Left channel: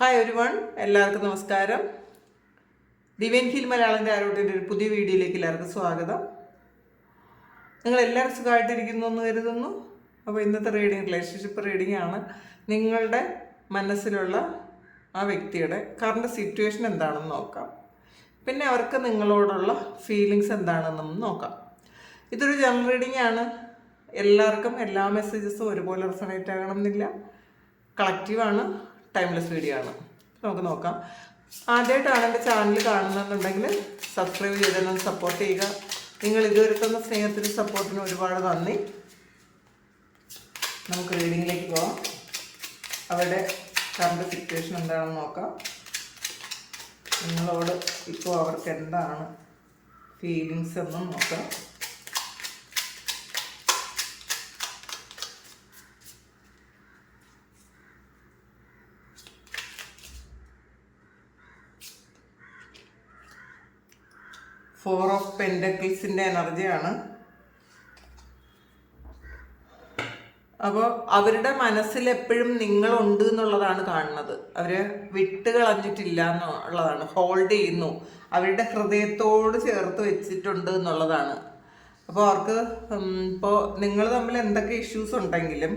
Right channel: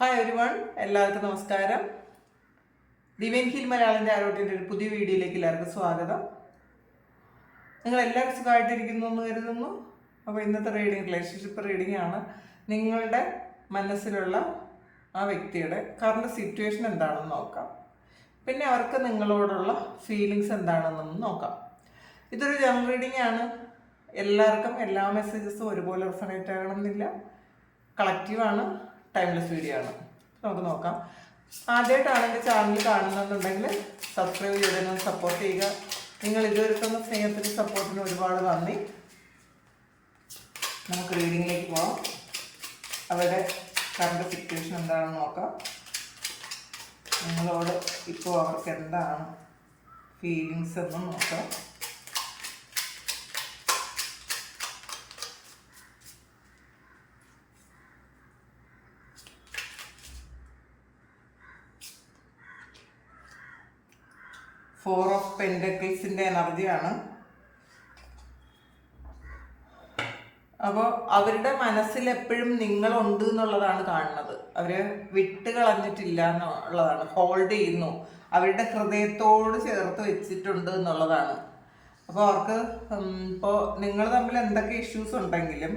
Hi ഒരു one എല്ലാവർക്കും നമസ്കാരം. ഡിവൈൻ ഹിൽ മലയാളന്റെ ആരോട്ടിന്റെ ഒരു പുതിയ വീഡിയോയിലേക്ക് എല്ലാവർക്കും സ്വാഗതം. നിങ്ങൾ എല്ലാവരും സുഖമായിട്ടിരിക്കുന്നു എന്ന് കരുതുന്നു. അപ്പോൾ ഇന്നത്തെ റീഡിങ് റിലേഷൻഷിപ്പ് റീഡിംഗ് ആണ് നിങ്ങളുടെ മനസ്സിലുള്ള ആ വ്യക്തിയുടെ കറണ്ട് സിറ്റുവേഷൻ എന്താണെന്ന് നോക്കാം. പിന്നെ അവർക്ക് നിങ്ങളോടുള്ള ഫീലിങ്സ് എന്താണെന്നും നോക്കാം. ഇതൊരു ജനറൽ റീഡിംഗ് ആണ്. എല്ലാവർക്കും എല്ലാ മെസ്സേജസും ഒരുപോലെ റിസണേറ്റ് ആകണമെന്നില്ല. കളക്റ്റീവ് ആണ്. ടൈംലെസ് വീഡിയോ ആണ്. നമുക്ക് നോക്കാം. ആദ്യമായിട്ടാണ് എന്റെ ചാനൽ കാണുന്നതെന്നുണ്ടെങ്കിൽ സബ്സ്ക്രൈബ് ചെയ്തൊന്ന് സപ്പോർട്ട് ചെയ്യുക. നിങ്ങൾ ഇതുവരെ തന്ന സ്നേഹത്തിനും സപ്പോർട്ടിനും ഒരുപാട് നന്ദി. നമുക്ക് റീഡിങ്ങിലേക്ക് പോകാം അവരുടെ കറണ്ട് സിറ്റുവേഷൻ എന്താണെന്ന് നോക്കാം. നിങ്ങളോട് ഇപ്പോൾ അവർക്ക് എന്താണ് ഫീലിങ്സ് എന്നും നോക്കാം. ഫോർ ഓഫ് പെൻഡക്കിൾസിന്റെ എനർജിയാണ്. അപ്പോൾ അവരുടെ മനസ്സിൽ എപ്പോഴും നിങ്ങളുണ്ട് എന്നുള്ളതാണ് കാണുന്നത്. അവർ വിട്ട് കളഞ്ഞിട്ടില്ല എന്നുള്ളതാണ്. ഹോൾഡ് ചെയ്യുന്നു. അവരുടെ ഹൃദയത്തോട് ചേർത്ത് വെച്ചിട്ടുണ്ട് എന്നുള്ളതാണ്. അപ്പോൾ അവർക്ക് ഇപ്പോൾ നിങ്ങൾ തമ്മിൽ എന്തൊക്കെ ഇഷ്യൂസ് ഉണ്ടെങ്കിലും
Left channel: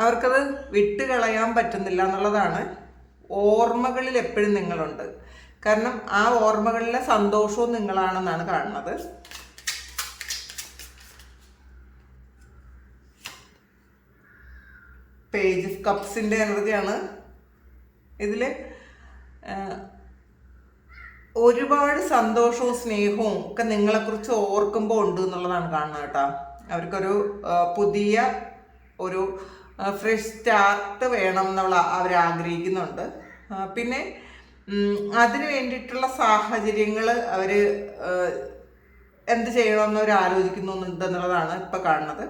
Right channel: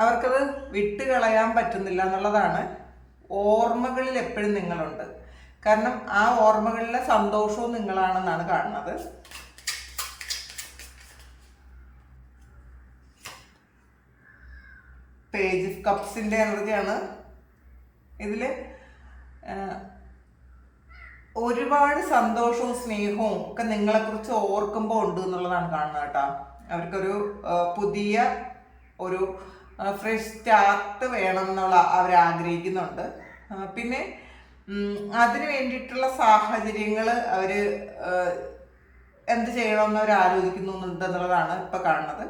അവർക്കത് വിട്ട് കളയാൻ പറ്റുന്നില്ല എന്നുള്ളതാണ് ഓർമ്മകളിൽ എപ്പോഴും നിങ്ങളുണ്ട്. കാരണം ആ ഓർമ്മകളിലെ സന്തോഷവും നിങ്ങളാണെന്നാണ് കാണുന്നത്. പേജ് കപ്സിന്റെ എനർജിയാണ് ഇതിൽ ഒരുപാട് സന്തോഷവും സ്നേഹവും ഒക്കെ നിങ്ങളെക്കുറിച്ച് ഓർക്കുമ്പോൾ ഉണ്ട് എന്നുള്ളതാണ് കാണുന്നത് കേട്ടോ. അവർക്കൊരു പുതിയ ഒരു ഫ്രഷ് സ്റ്റാർട്ട് വേണം എന്നുള്ള അവർ ആഗ്രഹിക്കുന്നുണ്ട് പിന്നെ അതിന് വേണ്ടിയിട്ടുള്ള സാഹചര്യങ്ങൾ അവർ എന്ത് ചെയ്യണമെന്ന് അവർ ആലോചിക്കുന്നുണ്ടെന്നുള്ളതാണ് ഇപ്പം കാണുന്നത്.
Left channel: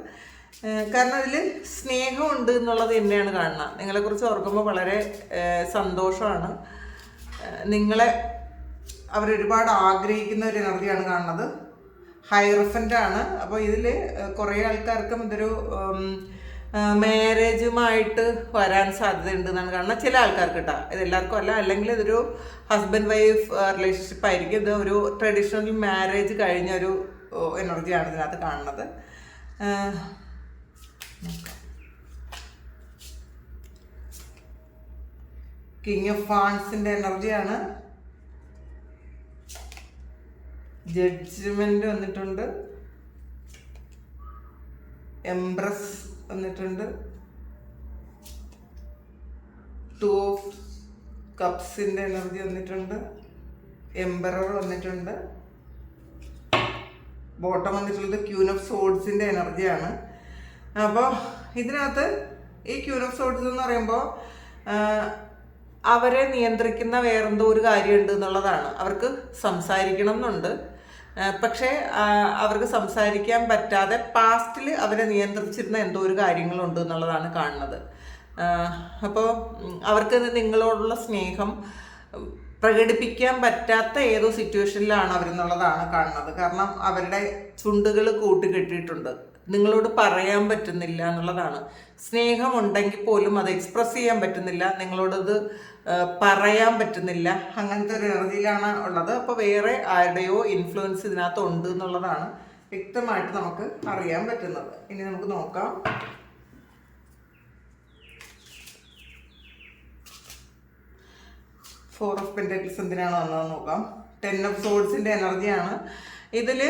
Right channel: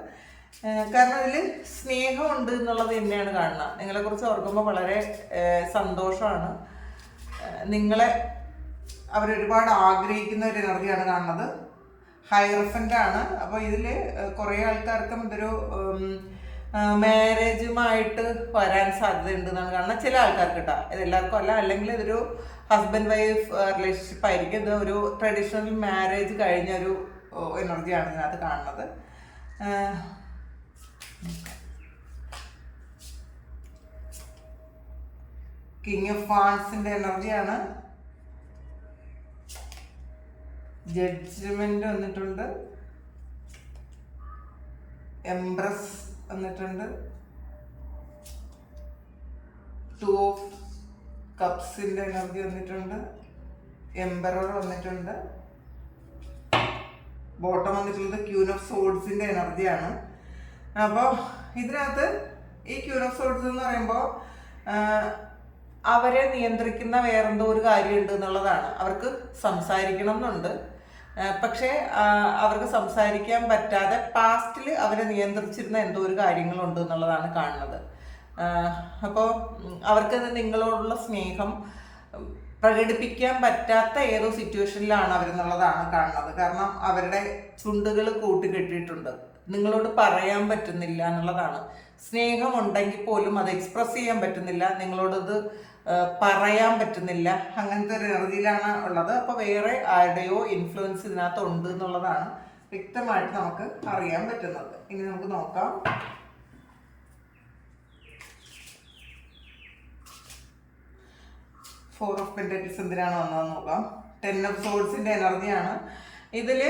കാരണം അതിൽ സ്നേഹമുണ്ട് എന്നുള്ളത് തന്നെയാണ് കാണുന്നത് നിങ്ങളെക്കുറിച്ച് ഓർക്കുമ്പോൾ വളരെ സന്തോഷമാണ്. നിങ്ങളെ അവരൊരുപാട് ആഗ്രഹിക്കുന്ന ഒരു എനർജിയാണ് കാണുന്നത്. ഹൈറഫന്റ് ആണ് അപ്പോൾ ഇതിൽ കുറേ ആൾക്കാർക്കും ഇതൊരു മാരേജുമായിട്ട് വരാൻ സാധ്യതയുണ്ട് എന്നാണ് കാരണം ചില ആൾക്കാർക്ക് കേട്ടോ ഇത് എല്ലാവർക്കും അല്ല അല്ലെങ്കിൽ ഇതൊരു ഹസ്ബൻഡ് വൈഫ് റിലേഷൻഷിപ്പ് ആയിരിക്കും. ഇത് ഒരു ട്രഡീഷണൽ മാരേജ് കഴിഞ്ഞ ഒരു എനർജിയാണ് ഇതിനകത്ത് കാണുന്നത്. കിങ് ഓഫ് ഫാൻസിന്റെ എനർജിയാണ് ജഡ്ജ്മെന്റ് വന്നിട്ടുണ്ട്. എംബ്രസ് വന്നിട്ടുണ്ട്. ടു ഓഫ് കപ്സിന്റെ എനർജി വന്നിട്ടുണ്ട്. എംബറർ വന്നിട്ടുണ്ട്. ബോട്ടം വന്നിട്ടുള്ളത് ക്യൂൻ ഓഫ് സോഡ്സിന്റെ എനർജിയാണ് അപ്പോൾ ഇതിനകത്ത് ഈ ക്യൂൻ ഓഫ് സോഡ്സ് എന്ന് പറയുമ്പോൾ അവരെ നിയന്ത്രിക്കുന്ന വേറെന്തോ ഒരു കാര്യമുണ്ട് എന്നുള്ളതാണ്. അവർക്ക് സംസാരിക്കണം എന്നുണ്ട്. പക്ഷേ അവർക്ക് സംസാരിക്കാൻ പറ്റാതെ പാസ്റ്റിൽ അവരെ നിയന്ത്രിച്ചിരുന്ന എന്തോ ഒരു കാര്യങ്ങളുണ്ട് എന്നുള്ളതാണ് കാണുന്നത്. അപ്പോൾ അവർക്ക് നിങ്ങളോടുള്ള സ്നേഹം പ്രകടിപ്പിക്കാൻ പറ്റാത്ത ഏതോ സിറ്റുവേഷനിലാണ് അവരെന്നുള്ളതാണ് കാണുന്നത്. കാരണം അവരുടെ ചുണ്ടുകൾ കൂട്ടിക്കെട്ടിയിട്ടുണ്ട്. നിങ്ങളോട് പറയാൻ പറ്റുന്നില്ല എന്നുള്ളതാണ്. സ്നേഹമുണ്ടെങ്കിൽ പോലും അത് എക്സ്പ്രസ് ചെയ്യാൻ പറ്റുന്നില്ല. നിങ്ങളോടത് പറയാൻ പറ്റുന്നില്ല. അങ്ങനത്തെ ഒരു എനർജിയിലാണ് ഉള്ളത്. അപ്പോൾ വേറെ ആരുടെയോ ഇൻഫ്ലുവൻസ് ഇതിനകത്ത് ഉണ്ട് എന്നുള്ളതാണ് വ്യക്തമായിട്ട് നമുക്ക് അറിയാൻ പറ്റുന്നത്. ഇനി നമുക്ക് നോക്കാം. ഫോർ ഓഫ് പെന്റക്കിൾസ് എന്തിനാണ് വന്നതെന്ന് നോക്കാം. ടെൻ ഓഫ് സോഡ്സിന്റെ എനർജിയാണ്. ഇതിൽ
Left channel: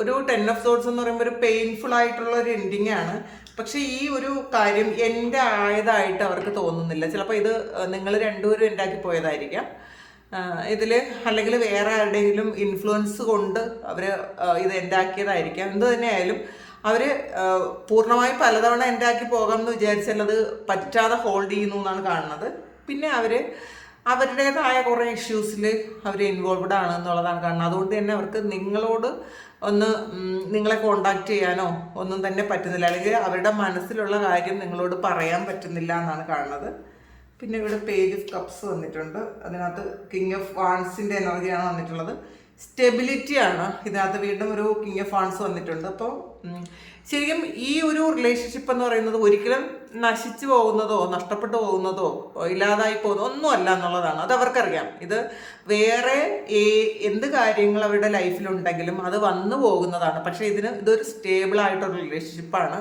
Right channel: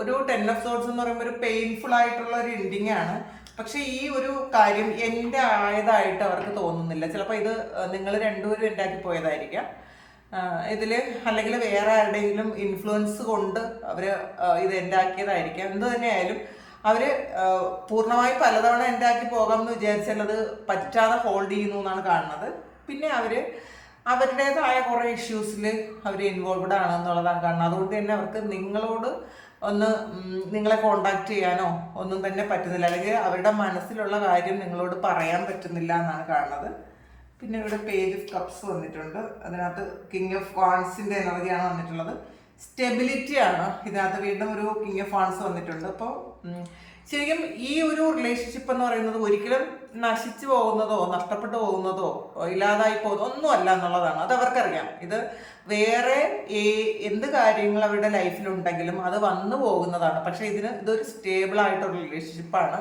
ഒരു ടെൻ ഓഫ് സോഡ്സ് എന്ന് പറയുമ്പോൾ ഒരു പെയിൻഫുൾ ആയിട്ടുള്ള ഒരു എൻഡിങ് ആണ്. പക്ഷേ ഈ ഒരു കാര്യം എന്റെ ആയതായിട്ട് അവർക്ക് തോന്നുന്നില്ല. ചിലപ്പോൾ ഇത് നിങ്ങൾ രണ്ടുപേരും ഉണ്ടാക്കി പോയതായിരിക്കാം. ഇതിൽ അല്ലെങ്കിൽ വേറെ ആരുടെയെങ്കിലും ഇൻഫ്ലുവൻസ് കൊണ്ട് അവർ ഇത് ഉണ്ടാക്കിയതായിരിക്കാം എന്ത് തന്നെയായാലും അവർ പൂർണമായി പലതവണ ഉണ്ടാക്കി വിചാരിച്ചാൽ അത് പറ്റാതെ ഹോൾഡ് ചെയ്യുന്നു എന്നാണ് കാണുന്നത്. പിന്നെ അവർ അവരുടേതായ കുറേ ഇഷ്യൂസിൽ അവർ ഇൻവോൾവ്ഡ് ആണെന്നുള്ളതാണ് കാണുന്നത്. അതുകൊണ്ട് തന്നെ അവർക്ക് നിങ്ങളോട് ഒന്ന് നിങ്ങളെ കോണ്ടാക്ട് ചെയ്യാനോ ഒന്നും തന്നെ പറ്റുന്നില്ല. അല്ലെങ്കിൽ അവരുടെ മനസ്സിലുള്ള കാര്യം നിങ്ങളോട് പറയാൻ പറ്റുന്നില്ല എന്നാണ് കാണുന്നത്. പിന്നെ ഇവിടെ പേജ് ഓഫ് കപ്സ് വന്നിട്ടുണ്ട്. അതിനകത്ത് കിങ് ഓഫ് വാൺസിന്റെ എനർജിയാണ് വന്നിട്ടുള്ളത്. സ്റ്റെബിലിറ്റി ആണ്. ഇതിനകത്ത് വീണ്ടും ഒരു കിങ് ഓഫ് വാൺസ് വന്നിട്ടുണ്ട്. അപ്പോൾ ശരിക്കും ഈ ഒരു റിലേഷൻഷിപ്പ് എന്ന് പറയുന്നത് ഒരിക്കലും നശിച്ചു പോകുന്നതോ നഷ്ടപ്പെട്ടു പോകുന്നതോ ഇല്ലാതായി പോകുന്നതോ ഒന്നും അല്ല എന്നുള്ളതാണ്. അത് അവർക്കറിയാം. ഇത് വേറെ എന്ത് കാര്യങ്ങൾ അവരുടെ ലൈഫിലുണ്ടെങ്കിലും അത് വന്നു പോകുന്നതാണ്. പക്ഷേ ഇതിന് ഇതൊരു സ്റ്റേബിൾ ആയിട്ടൊരു റിലേഷൻഷിപ്പാണ്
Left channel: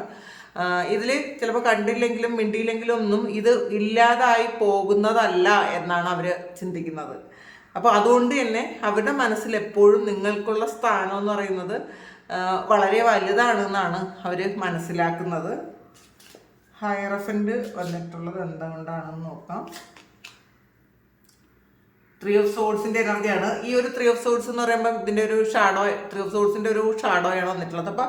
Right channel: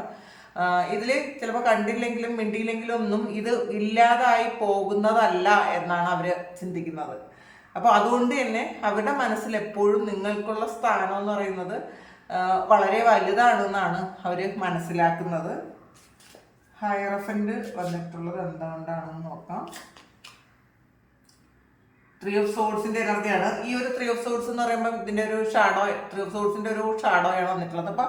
ഇതിൽ ചിലപ്പോൾ കണ്ടില്ലെങ്കിലും മിണ്ടിയില്ലെങ്കിലും ഒന്നും ഇത് ഇല്ലാതായി പോകുന്നതല്ല എന്നാണ് അവർ ചിന്തിക്കുന്നത്. അപ്പോൾ അതുകൊണ്ട് തന്നെ അവരുടെ മനസ്സിൽ എപ്പോഴും നിങ്ങൾക്കുള്ള സ്ഥാനം എന്ന് പറയുന്നത് വളരെ വലുതാണെന്നാണ് അവർ മനസ്സിലാക്കുന്നത്. ഹയറഫന്റ് വന്നിട്ടുള്ളത് എന്തുകൊണ്ടാണെന്ന് നോക്കാം. ത്രീ ഓഫ് സോഡ്സിന്റെ എനർജിയാണ് ഈ ഒരു ത്രീ ഓഫ് സോൾസ് എന്ന് പറയുമ്പോൾ ഇതിന്റെ ഒരു ഷാഡോ ത്രീ ഓഫ് സോൾസിന്റെ ഒരു ഷാഡോയാണ് വന്നിട്ടുള്ളത്. അപ്പൊ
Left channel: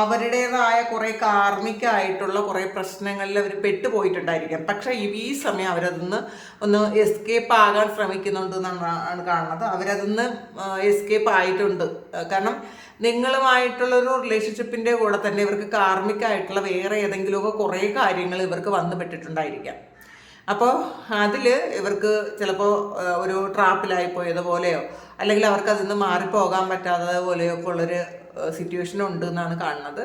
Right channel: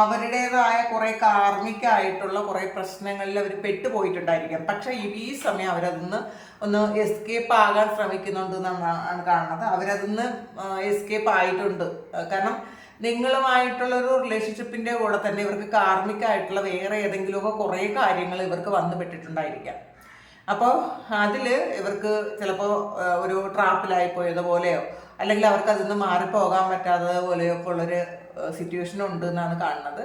അവരുടേതായ കുറെ കാർമികമായിട്ടുള്ള കുറെ പ്രശ്നങ്ങളിൽ അവർ പെട്ടുപോയിട്ടുണ്ടായിരിക്കാം. പക്ഷെ ഈ സമയം അവരതിന്ന് ഒന്ന് എസ്കേപ്പ് ആകാൻ ശ്രമിക്കുന്നുണ്ട് എന്നാണ് കാണുന്നത്. അവരതിന്ന് എസ്കേപ്പ് ആയിട്ടുണ്ട്. കാരണം നിങ്ങളുമായിട്ടുള്ള ഒരു റിലേഷൻഷിപ്പിന്റെ കൂടെ തന്നെ ഇവർക്ക് കാർമികമായിട്ടുള്ള വേറെ ഏതെങ്കിലുമൊക്കെ കുറേ കാര്യങ്ങൾ ഇവർക്ക് വന്നു പെട്ടിട്ടുണ്ടായിരിക്കാം. അപ്പോൾ അതിൽ ഇവർക്ക് ചിലപ്പോൾ ഒരു ട്രാപ്പിലായി പോയതുപോലെയോ അല്ലെങ്കിൽ അവർക്ക് അതിൽ നിന്ന് മാറിപ്പോകാൻ പറ്റാത്തത് പോലെയോ ഒക്കെ ഉള്ളൊരു സിറ്റുവേഷൻ ഉണ്ട് എന്നാണ് കാണുന്നത്.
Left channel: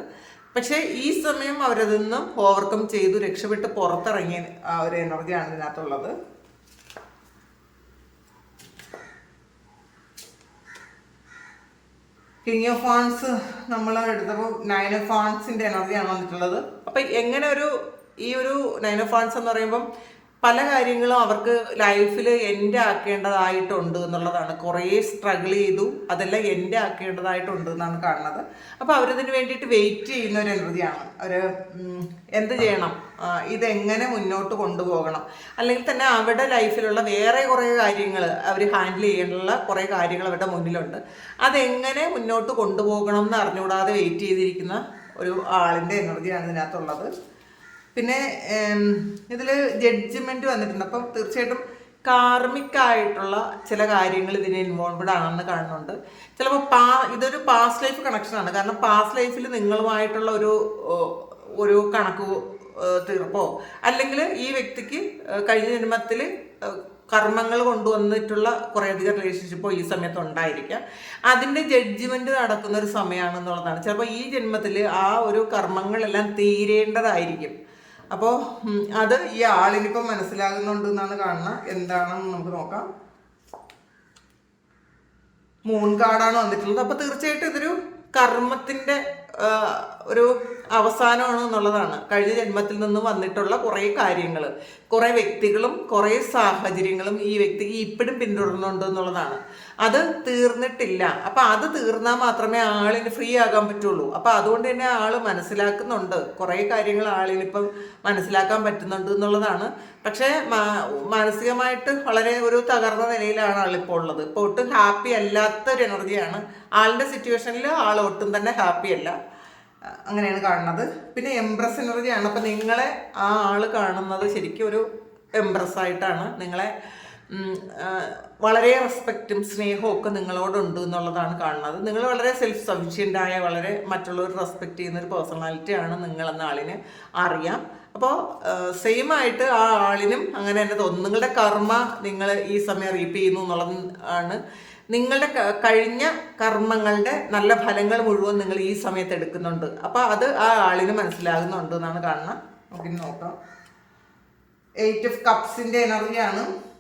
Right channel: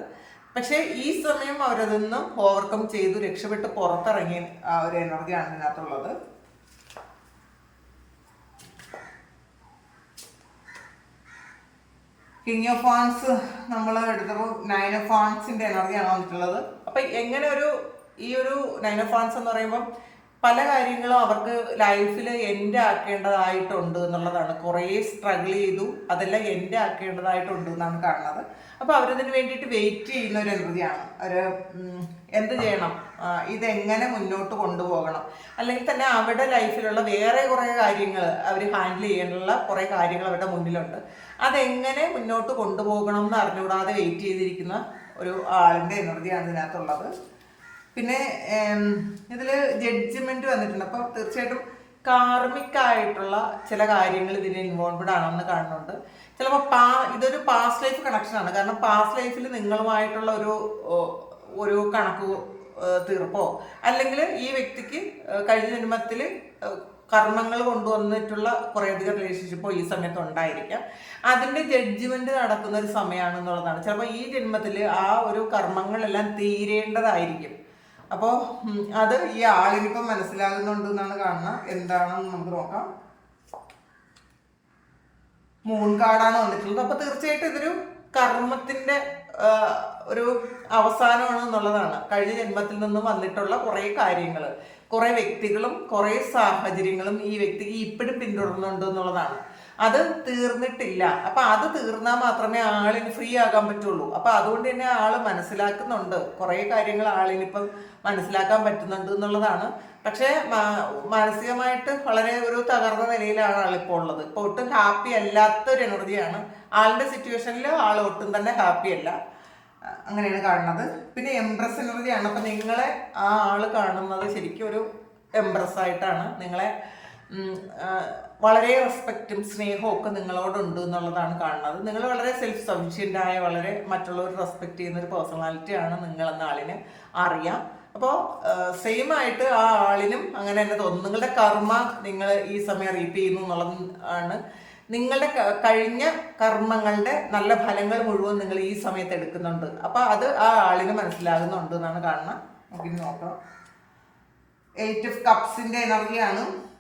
പക്ഷേ ഈ സമയം അവരതിൽ നിന്ന് ഓവർകം ചെയ്തു രക്ഷപ്പെട്ട് പുറത്തിറങ്ങിയ ആ ഒരു എനർജിയാണ് ഇതിനകത്തുള്ളത്. കിങ് ഓഫ് ഫാൻസ് നമ്മൾ എടുത്തപ്പോൾ നയൻ ഓഫ് ഫാൻസിന്റെ എനർജിയാണ് വന്നിട്ടുള്ളത്. അപ്പൊ എങ്ങനെ ഒരു ഈ ഒരു നയൻ ഓഫ് ഫാൻസ് എന്ന് പറയുമ്പം പല കാര്യങ്ങളും അവർക്ക് ലൈഫിൽ എന്റെ ആക്കേണ്ടതായിട്ടുണ്ട് എന്നുള്ളതാണ്. കുറേ സ്ട്രഗിൾ ചെയ്തു അതെല്ലാം എന്റെ ആക്കേണ്ടതായിട്ടുണ്ട് എന്നാണ് കാണുന്നത്. അപ്പോൾ അവരതിന് വേണ്ടിയിട്ട് വെയിറ്റ് ചെയ്യുന്ന ഒരു എനർജിയാണ് ഒരു എന്ത് ചെയ്യണം? ഇതെങ്ങനെ മുന്നോട്ട് കൊണ്ടുപോകണം? അല്ലെങ്കിൽ തന്നെ അവരുടെ ലൈഫിലുള്ള വേറെ കുറേ കാര്യങ്ങൾ അവർ ഹാൻഡിൽ ചെയ്യാനുള്ള കുറേ കാര്യങ്ങൾ അവരുടെ മുന്നിലുണ്ട്. അതെങ്ങനെ മുന്നോട്ട് കൊണ്ടുപോകണം എന്ന് അറിഞ്ഞുകൂടാതെ വെയിറ്റ് ചെയ്തിരിക്കുന്ന ഒരു ആളിന്റെ എനർജിയാണ് ഇതിനകത്തുള്ളത്. പിന്നെ ഇതിൽ ജഡ്ജ്മെന്റ് വന്നിട്ടുണ്ട്. അപ്പം തീർച്ചയായിട്ടും കാർമിക് ആയിട്ടുള്ള ചില കാര്യങ്ങൾ ഇതിന് ഇൻവോൾവഡ് ആണെന്ന് കാണുന്നുണ്ട്. ചിലപ്പോൾ പാ ഇതൊരു പാസ്റ്റ് ലൈഫ് കണക്ഷനാണ് കാരണം പാസ്റ്റ് ലൈഫിൽ നിങ്ങളുമായിട്ടുള്ള ഒരു ഒരു കണക്ക് തീർപ്പോ? അല്ലെങ്കിൽ ഈ വ്യക്തിക്ക് കഴിഞ്ഞ ജന്മത്തിൽ കർമ്മങ്ങൾ കൊണ്ടുവന്നിട്ടുള്ള കുറേയധികം റിലേഷൻഷിപ്പോ ഈ സമയത്ത് ഉണ്ടായിരിക്കാം. അതിന്റെ ജഡ്ജ്മെന്റ് നടക്കുന്ന ഒരു സമയമാണെന്നുള്ളതാണ്. ചിലപ്പോൾ ഈ ജന്മത്തിൽ ആ ഒരു കർമ്മങ്ങളെല്ലാം തീരേണ്ടതായിരിക്കും. അപ്പോൾ അത് ഈ ആളിനിപ്പം മനസ്സിലാകുന്നുണ്ട് എന്നാണ് കാണുന്നത്. എന്താണെന്ന് നമുക്ക് നോക്കാം. മൂൺ കാർഡാണ് വന്നിട്ടുള്ളത്. അപ്പോൾ തീർച്ചയായിട്ടും ഇതൊരു കർമ്മത്തിന്റെ ഒരു അവസാനമാണ് എന്നുള്ളതാണ്. കഴിഞ്ഞ ജന്മത്തിൽ നിന്ന് വന്നിട്ടുള്ള കുറേ കാര്യങ്ങൾ കുറേ വ്യക്തികളും കുറേ സാഹചര്യങ്ങളും ഈ വ്യക്തിക്ക് ഇപ്പോഴും പിന്തുടരുന്നുണ്ട് എന്നുള്ളതാണ്. അത് തീർന്നിട്ടില്ല. അപ്പൊ അത് തീർന്നാൽ മാത്രമേ ആളിന് ഫ്രീ ആകാൻ പറ്റുള്ളൂ. അപ്പൊ അതുകൊണ്ട് തന്നെ ആൾ മനസ്സിലാക്കുന്നുണ്ട്. കുറേ കാര്യങ്ങൾ ആളിനിപ്പം മനസ്സിലാക്കാൻ പറ്റുന്നുണ്ട് എന്നുള്ളതാണ്. പക്ഷേ മാനസികമായിട്ട് വളരെ ഒരു തകർന്ന നിലയിലാണ് ആളിപ്പോൾ ഉള്ളത്. ഇപ്പോൾ ഒട്ടും ഹാപ്പി അല്ലാത്ത ഒരു എനർജിയാണ് ആളുടെ സിറ്റുവേഷനിൽ ആൾ ഒട്ടും തന്നെ ഹാപ്പി അല്ല. അങ്ങനെയാണ് കാണുന്നത്. പിന്നെ എംപ്രസ് എനർജിയാണ് അപ്പം നിങ്ങളെ ആ ആൾ കാണുന്നത് ശരിക്കും ഒരു എംപ്രസ് ആയിട്ടാണ്. നിങ്ങളെ വളരെ റെസ്പെക്റ്റും സ്നേഹവും ഒക്കെ നിങ്ങളോടുണ്ട് എന്നുള്ളതാണ് കാണുന്നത്. നിങ്ങൾ വളരെ സെൽഫ് സഫിഷ്യന്റ് വളരെ മറ്റുള്ളവർ റെസ്പെക്ട് ചെയ്യുന്ന ഒരു പേഴ്സണാലിറ്റി ആണ് നിങ്ങൾ എന്ന ആളിനെ അറിയാം. അപ്പോൾ സെയിം ആയിട്ട് ആ ആളിനും അങ്ങനെ തന്നെ തോന്നും. നിങ്ങളുടെ കർമ്മ നിങ്ങൾ ഈ സമയം റീപ്പ് ചെയ്യുന്നു എന്നുള്ളത് ആണ്. നിങ്ങളുടെ കഴിഞ്ഞ കർമ്മങ്ങളുടെ നല്ല ഫലങ്ങൾ മുഴുവൻ നിങ്ങൾ ഈ സമയത്ത് എടുക്കുന്നുണ്ട്. അപ്പോൾ അത് ആ ആളിന് മനസ്സിലാകുന്നുണ്ട് എന്നാണ് കാണുന്നത്. നമുക്കിനി നോക്കാം. എയ്റ്റ് ഓഫ് കപ്സിന്റെ എനർജിയാണ്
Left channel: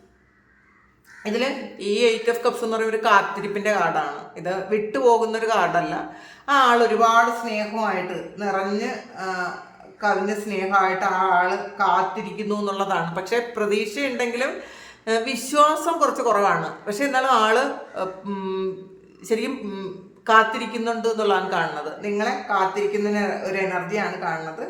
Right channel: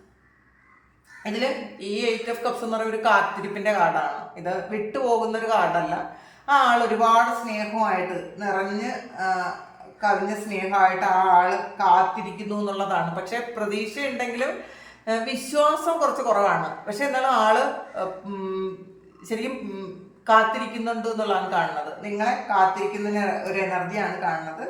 ഇതിൽ ഈ എയ്റ്റ് ഓഫ് കപ്സ് എന്ന് പറയുന്ന ഒരു കാത്തിരിപ്പിന്റെ കാർഡാണ്. ഇത് വിട്ടുപോകുന്ന ഒരു കാർഡല്ല. ആ ആൾ ഒരുപാട് സ്നേഹമായിട്ട് നിറഞ്ഞ് കവിഞ്ഞ സ്നേഹമായിട്ട് ആ ആൾ കാത്തിരിക്കുന്നു എന്നുള്ളതാണ്. പക്ഷേ പ്രതീക്ഷയുണ്ടെങ്കിലും വിശ്വാസം കുറച്ച് കുറവാണ്. പക്ഷേ എന്നാലും ആൾ ശരിക്കും കാത്തിരിക്കുന്നുണ്ട് എന്നുള്ളതാണ് കാണുന്നത്. നിങ്ങളെ കാത്തിരിക്കുന്ന ഒരു എനർജിയാണ് കാണുന്നത്.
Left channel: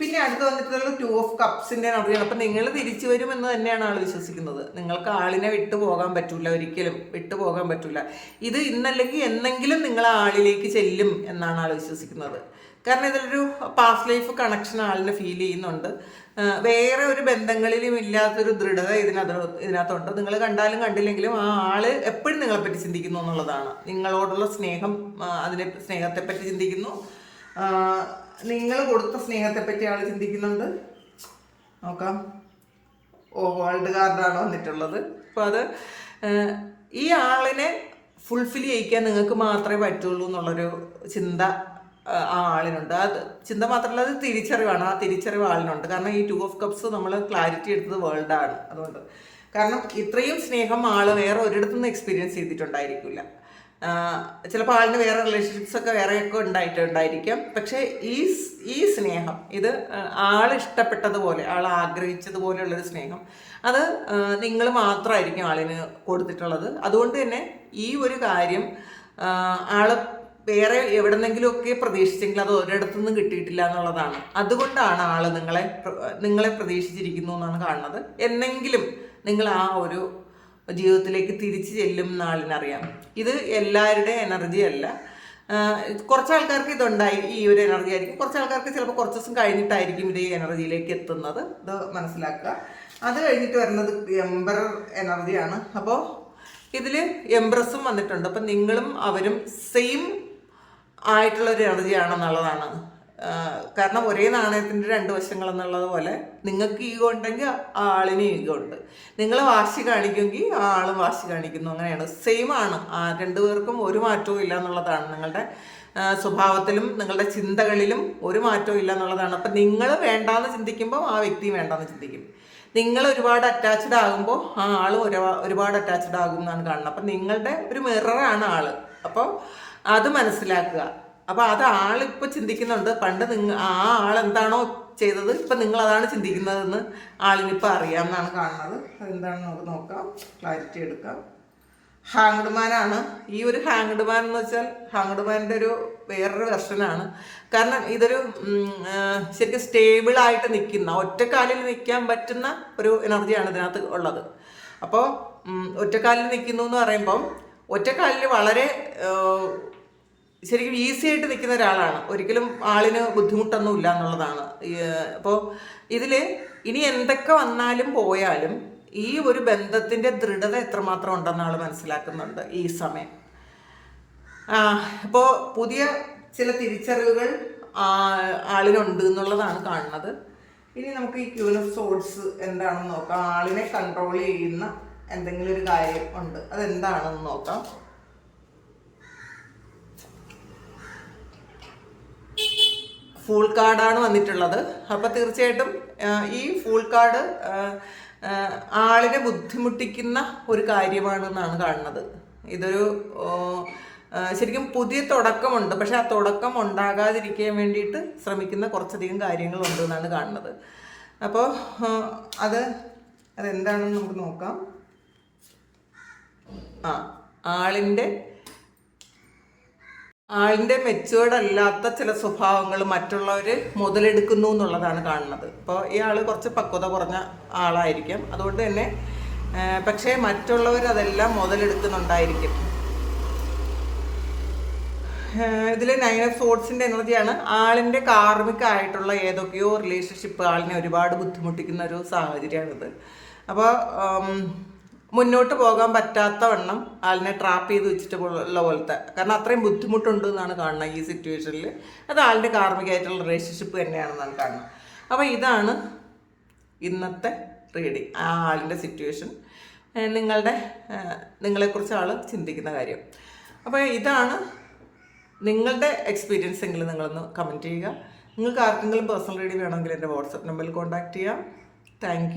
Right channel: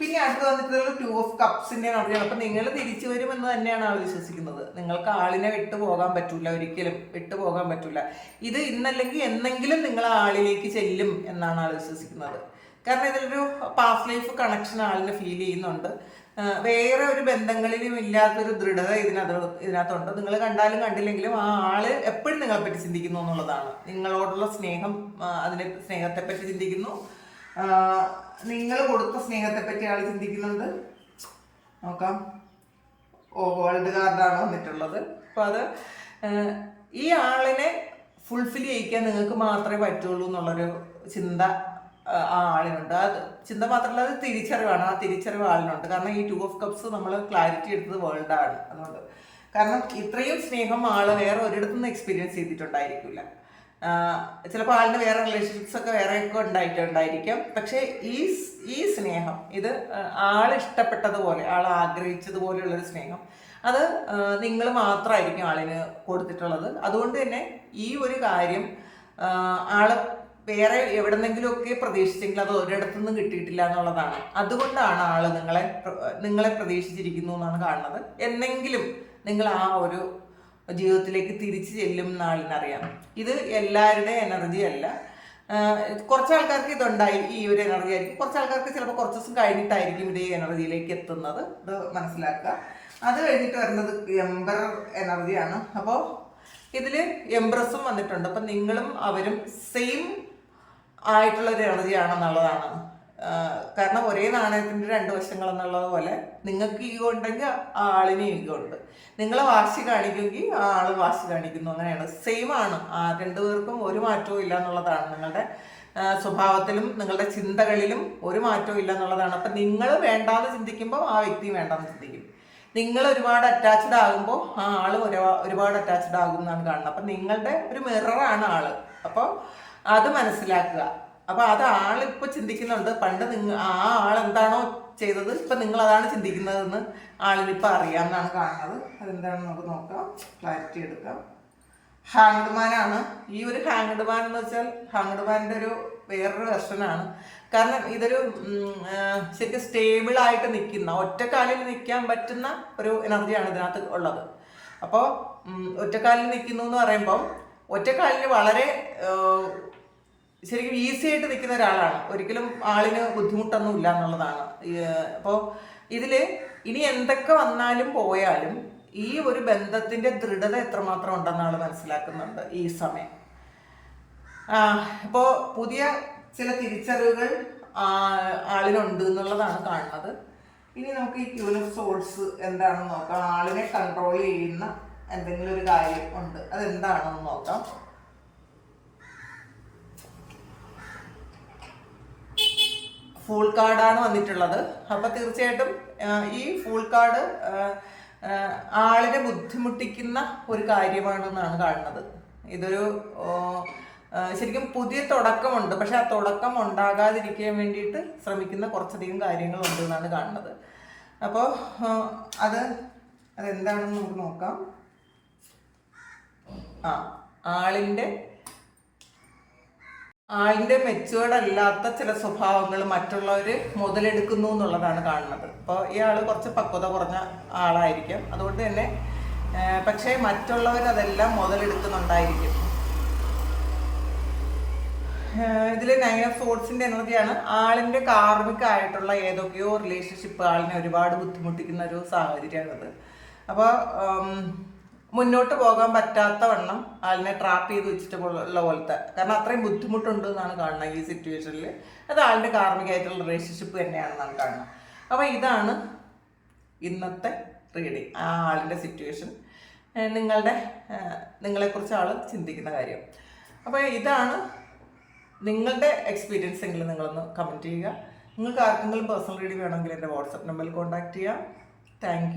പിന്നെ അടുത്ത് വന്നിട്ടുള്ള ടു ഓഫ് കപ്സിന്റെ എനർജിയാണ് അപ്പൊ നിങ്ങൾ തിരിച്ചു വരും എന്ന് തന്നെയാണ് ആൾ വിശ്വസിക്കുന്നത്. നിങ്ങൾക്ക് ആളിനെ വിട്ടു പോകാൻ പറ്റൂല ഒരിക്കലും വിട്ടു പോകാൻ പറ്റൂല. ഇത് ഇന്നല്ലെങ്കിൽ എന്നെങ്കിലും നിങ്ങൾ ആളിലേക്ക് ചെല്ലും എന്നാണ് ആൾ വിശ്വസിക്കുന്നത്. കാരണം ഇതൊരു പാസ്റ്റ് ലൈഫ് കണക്ഷൻ ആളിന് ഫീൽ ചെയ്യുന്നുണ്ട്. വേറെ ഒരു ബന്ധങ്ങളിലും ഇല്ലാത്തൊരു ദൃഢത ഇതിനകത്ത് ഇതിനകത്തുണ്ട്. നിങ്ങൾ കണ്ടാലും കണ്ടില്ലെങ്കിലും ആ ആൾ എപ്പോഴും നിങ്ങളെ പറ്റി ചിന്തിക്കുന്നു എന്നുള്ളതാണ്. നിങ്ങളോടുള്ള സ്നേഹം അതിനെ സ്നേഹത്തെ പറ്റി ചിന്തിക്കുന്നു നിങ്ങൾ കൊടുത്ത സ്നേഹത്തെ പറ്റി ആൾ ചിന്തിക്കുന്നുണ്ട് നോക്കാം. ഓ വേൾഡ് കാർഡാണ് വന്നിട്ടുള്ളത്. അപ്പോൾ അത് ഈ ആളിനെ ഫുൾഫിൽ ചെയ്യിക്കാൻ നിങ്ങൾക്ക് മാത്രമേ പറ്റുള്ളൂ എന്നുള്ളൊരു ചിന്ത ആ, ആളിനുണ്ട്. അത് ചിന്ത മാത്രമല്ല അത് തിരിച്ചറിവാണ്. ആ തിരിച്ചറിവ് ആളിനുണ്ട്. കാരണം ഈ ടു ഓഫ് കപ്സ് നമ്മൾ ക്ലാരിറ്റി എടുത്തത് വേൾഡ് ആണ്. അതുകൊണ്ട്. കാരണം ഇത്രയും സ്നേഹം ആൾ വേറെ ഒരിടത്തുനിന്ന് എക്സ്പീരിയൻസ് ചെയ്തിട്ടുണ്ടായിരിക്കില്ല. ചിലപ്പോൾ ആളിന് വേറെ റിലേഷൻഷിപ്സ് ഒക്കെ വേറെയൊക്കെ ഉണ്ടായിട്ടുണ്ടായിരിക്കാം. പക്ഷേ ഈ ഈ സ്നേഹം ഇത് ആൾ ഇഷ്ടപ്പെട്ടതുപോലെ ആൾ ആഗ്രഹിച്ചതുപോലെയുള്ളൊരു സ്നേഹം അത് നിങ്ങൾ മാത്രമായിരിക്കും ആളിന് കൊടുത്തിട്ടുള്ളത്. അതുകൊണ്ട് തന്നെ ഈ ഒരു കാര്യം ആൾ വേറെ എവിടെന്നെങ്കിലുമൊക്കെ പ്രതീക്ഷിച്ചെങ്കിൽ അത് ഒരിടത്തുനിന്നും കിട്ടിയിട്ടില്ല എന്നുള്ളതാണ്. അതുകൊണ്ടാണ് ആൾ നിങ്ങളെ നിങ്ങളെ പ്രതീക്ഷിച്ചിരിക്കുന്നു എന്നാണ് കാണുന്നത്. എന്നെങ്കിലും നിങ്ങൾ ആ ഒരു ജീവിതത്തിലേക്ക് തിരിച്ചു ചെല്ലും നാളിനറിയാം. ഇത് എല്ലാവരുടെ എനർജി അല്ല. കുറച്ച് ആൾക്കാർക്ക് ഇതുണ്ടായി ഈ ഒരു എനർജി ആയിരിക്കും. കുറച്ച് ആൾക്കാർക്ക് ചിലപ്പോൾ കുറച്ച് ദിവസം കഴിഞ്ഞിട്ടായിരിക്കും ഇത് ഈ എനർജിയിലേക്ക് എത്തുന്നത്. ഇത് മനസ്സിലാക്കുക. അത് കഴിഞ്ഞിട്ട് വരുന്നത് എംബറർ എനർജിയാണ് അപ്പോൾ ഇതിൽ എംബ്രസും വന്നിട്ടുണ്ട്. അപ്പം നിങ്ങളും അവരും സെയിം ആയിട്ടുള്ള ഒരു എനർജി ആണെന്നുള്ളതാണ്. ആഹ് കാരണം ഒരേ നാണയത്തിന്റെ രണ്ട് വശങ്ങൾ എന്നുള്ളത് പോലെ നിങ്ങൾക്ക് ഈഗോ ഉണ്ടെങ്കിൽ ആ ആളിന് ഈഗോ ഉണ്ട്. നിങ്ങൾ വാശി കാണിക്കുമെങ്കിൽ ആ ആൾ വാശി കാണിക്കുന്നു. അങ്ങനെയാണ്. സെയിം ആണ്. ആ രണ്ടു പേർക്കും ഒരു മാറ്റവും ഇല്ല എന്നുള്ളതാണ്. നിങ്ങളുടെ സ്വഭാവത്തിലും നിങ്ങളുടെ ചിന്തകളിലും ഒരു മാറ്റവും ഇല്ല എന്നുള്ളതാണ്. അപ്പം നിങ്ങൾ വേണ്ടാന്ന് ചിന്തിക്കുമ്പോൾ ആ വ്യക്തിയും വേണ്ടാന്ന് ചിന്തിക്കും. നിങ്ങൾ ഒരുപാട് അറ്റാച്ച്ഡ് ആകുമ്പോൾ ആ ആൾ ഒരുപാട് അറ്റാച്ച്ഡ് ആകും എന്നാണ് കാണുന്നത്. അപ്പം നിങ്ങളുടെ ഒരു മിററാണ് ആൾ. അപ്പോൾ അത് മനസ്സിലാക്കുക. അപ്പോൾ അത് ആളിപ്പോൾ ചിന്തിക്കുന്നുണ്ട്. പണ്ട് നിങ്ങൾ ആ ആൾ എന്താണോ ചെയ്തത് ഇപ്പം നിങ്ങൾ അതാണ് ചിന്തിക്കുന്നതെന്ന് ആളിനിപ്പോൾ അറിയാമെന്നാണ് കാണുന്നത്. അതെന്താണെന്ന് നമുക്ക് നോക്കാം. ക്ലാരിറ്റി എടുക്കാം. ഹാങ്ഡ് ആണ് ഈ ഒരു ഹാങ്ഡ് മാൻ എന്ന് വെച്ചാൽ ഹാങ്ഡ് മാനിന്റെ ഒരു വേറൊരു വെർഷനാണ്. കാരണം ഇതൊരു ശരിക്കും സ്റ്റേബിൾ ആയിട്ട് നിൽക്കുന്ന ഒറ്റക്കാലിൽ നിൽക്കാൻ പറ്റുന്ന ഒരു എനർജിയാണ് ഇതിനകത്ത് ഉള്ളത്. അപ്പോൾ ഒറ്റക്കാലിൽ നിൽക്കുന്നു എന്ന് പറയുമ്പം ഒറ്റക്കാലിൽ വളരെ ശരിക്കും ഈസി ആയിട്ട് നിൽക്കുന്ന ഒരാളാണ്. ഒരിക്കലും ആളിന് ബുദ്ധിമുട്ടൊന്നും ഇല്ല എന്നുള്ളതാണ് അപ്പോൾ ഇതിൽ ഇനി എന്തൊക്കെ വന്നാലും പോയാലും ഈ ഒരു ബന്ധത്തിന്റെ ദൃഢത എത്രമാത്രം ഉണ്ടെന്ന് ആൾ മനസ്സിലാക്കുന്നുണ്ട് ഈ സമയം. അപ്പോൾ പുതിയ ചില തിരിച്ചറിവുകൾ ആളിനുണ്ട് എന്നുള്ളതാണ് കാണുന്നത്. ഇനി നമുക്ക് ഈ ക്യൂൻ ഓഫ് സോൾസ് എന്താണെന്ന് നോക്കാം. ആളിനെ കൺട്രോൾ ചെയ്യുന്ന എന്തെങ്കിലും ഒരു കാര്യം ഉണ്ട്. അതെന്താണെന്ന് നോക്കാം. ഫുൾ കാർഡാണ് വന്നിട്ടുള്ളത്. അപ്പോൾ തീർച്ചയായിട്ടും ഈ ഫുൾ കാർഡ് ആളിനെ ബുദ്ധിമുട്ടിക്കുന്ന ഒരു കാര്യമാണെന്നാണ് കാണുന്നത്. ഇതൊരു ശരിക്കും പുതിയ തുടക്കമുണ്ട്. പക്ഷെ ആ തുടക്കം ഉണ്ടാകാതിരിക്കാൻ വേണ്ടിയിട്ട് ശ്രമിക്കുന്ന കുറച്ചധികം കാര്യങ്ങളുണ്ട് എന്നാണ് കാണുന്നത്. അപ്പോൾ അത് അതെന്താണെന്ന് നമുക്ക് നോക്കാം. ആ ആളിന്റെ ആളിന്റെ മെച്ചുവേർഡ് അല്ലാത്ത ചില സ്വഭാവങ്ങൾ മറ്റുള്ളവർ മുതലെടുക്കുന്നു എന്നുള്ളതാണ് കാണുന്നത്. ഇപ്പോൾ ഇയാൾ കുറച്ച് പക്വത കുറഞ്ഞ ആളായിരിക്കും. അതുകൊണ്ട് തന്നെ പക്ഷേ മറ്റുള്ളവർ അതെല്ലാം മുതലെടുക്കുന്നുണ്ടായിരിക്കും. ഇതിൽ നയൻ ഓഫ് സോഡ്സിന്റെ എനർജിയാണ് ആളിന്റെ കാർമികമായിട്ടുള്ള ഏതൊക്കെയോ റിലേഷൻഷിപ്പ് ആളിനെ ഒരുപാട് ബുദ്ധിമുട്ടിക്കുന്ന ഒരു സാഹചര്യമാണിത്. അപ്പോൾ മുന്നോട്ട് പോകാൻ പറ്റാത്ത വണ്ണം ആളിനെ ട്രാപ്പ് ചെയ്ത് വെച്ചിട്ട് ഉള്ള പോലത്തെ. കാരണം അത്രയും ബുദ്ധിമുട്ടുണ്ട് എന്നാണ് കാണുന്നത് ഈ സിറ്റുവേഷനിൽ അത് ആളുടെ കാർമ്മികമായിട്ടുള്ള റിലേഷൻഷിപ്പ് തന്നെയാണെന്നാണ് കാണുന്നത്. അപ്പോൾ ഇതാണ് ഇന്നത്തെ റീഡിങ് ആ ആളിന്റെ സിറ്റുവേഷൻ നിങ്ങളുടെ നിങ്ങളെക്കുറിച്ച് ആൾ ചിന്തിക്കുന്ന കാര്യം. അപ്പോൾ ഇതാണ് നിങ്ങളുടെ എക്സ്പീരിയൻസ് എങ്കിലും നിങ്ങളൊന്ന് കമന്റ് ചെയ്യുക. നിങ്ങൾക്ക് ആർക്കെങ്കിലും പേഴ്സണൽ റീഡിങ് വേണമെങ്കിൽ എന്റെ വാട്സപ്പ് നമ്പറിൽ കോൺടാക്റ്റ് ചെയ്യാം. താങ്ക്